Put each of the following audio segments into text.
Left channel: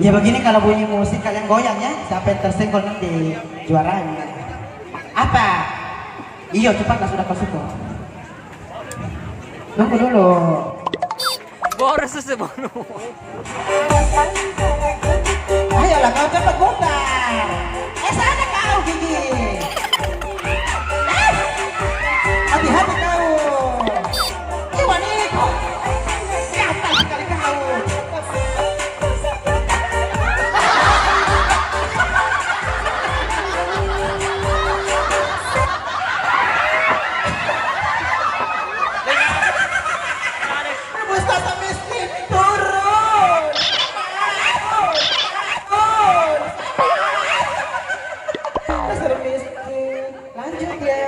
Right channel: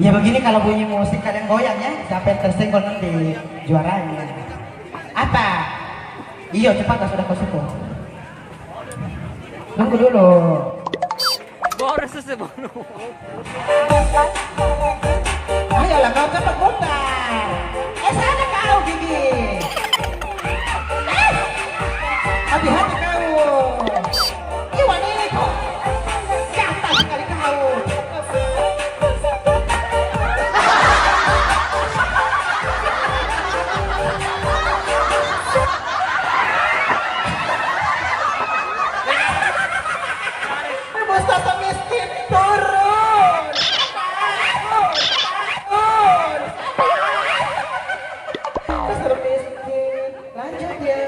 Ya begini kalau bunyi musik kalian goyang ya, siapa yang tersenggol nanti juaranya. Apa? Iya cepat lah sudah kau suka. Tunggu dulu. Boros sebelum. Ayolah kau cepat putar. Sana kau gigi. Hati-hati kau. Gimana ini kau? Siapa sekali kau? Mustafa miskin turun. Dasar miskin. Lanjut ya.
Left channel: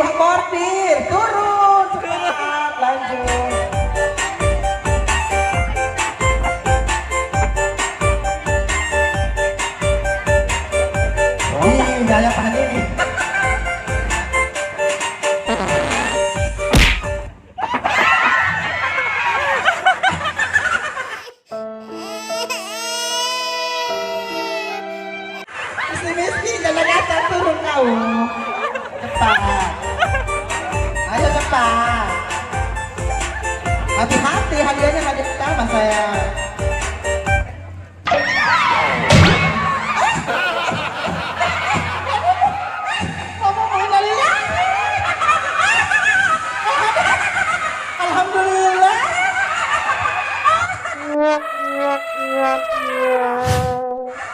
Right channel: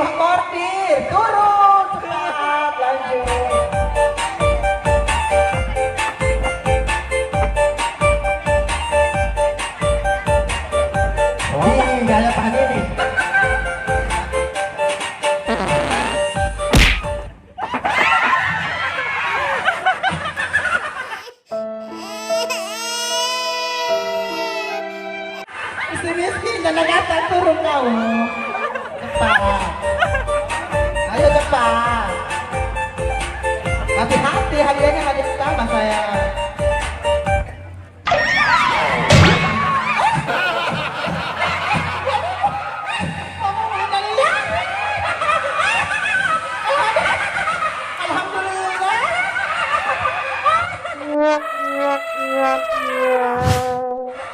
Wah bordir, turun cepat, lanjut. Gaya tahan ini. Miskin, jangan kasar, turun kau. Cepat. Ayo cepat. Hati-hati, hadiahnya nggak ditambah saya. Alhamdulillah.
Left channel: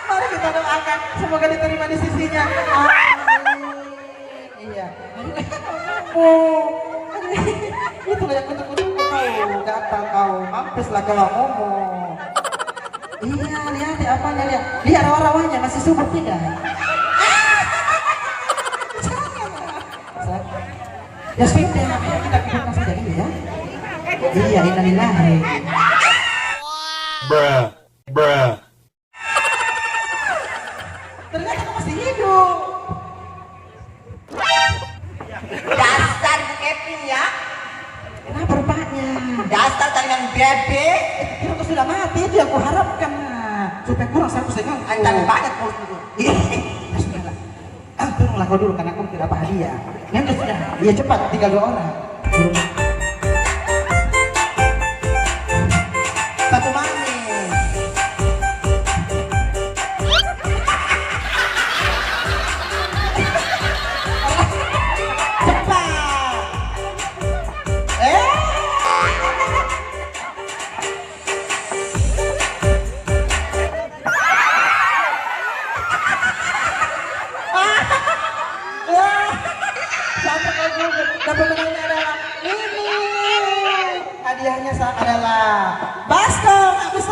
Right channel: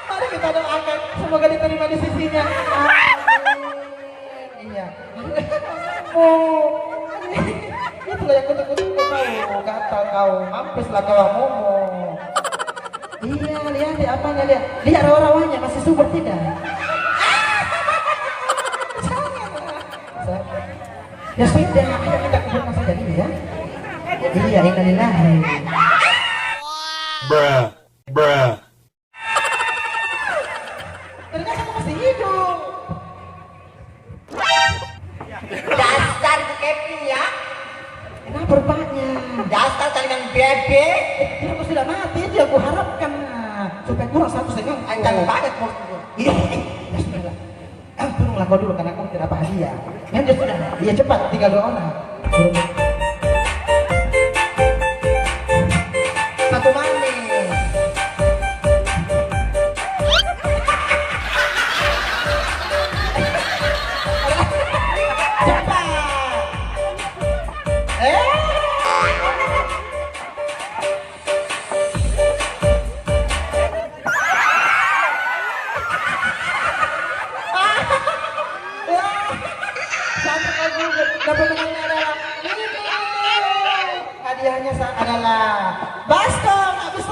Mari kita doakan semoga diterima di sisinya. Iya. Itulah yang kutuk-kutuk kau, gatal kau, mampuslah kau ngomong. Iya, lihat deh apanya lihat. Lihat rawa-rawanya masih subur tidak? Ya sudah, ayo kita kuburkan saja dulu ya. Iya, innalillahi. Bruh. Ternyata masih hidup. Dasar Kevin ya. Kenapa rupanya? Dasar talian bebe. Itu sudah mati, itu yang kuharapkan. Supaya kurang satu sekali. Antara banyak musuh. Iya, ya sudahlah. Turunlah kau dulu karena aku tidak dapat hadiah. Nanti sudah, iya cepat, tinggal 2 orang. Turun. Satu manis. Cepat. Hadiahnya adalah baskom habis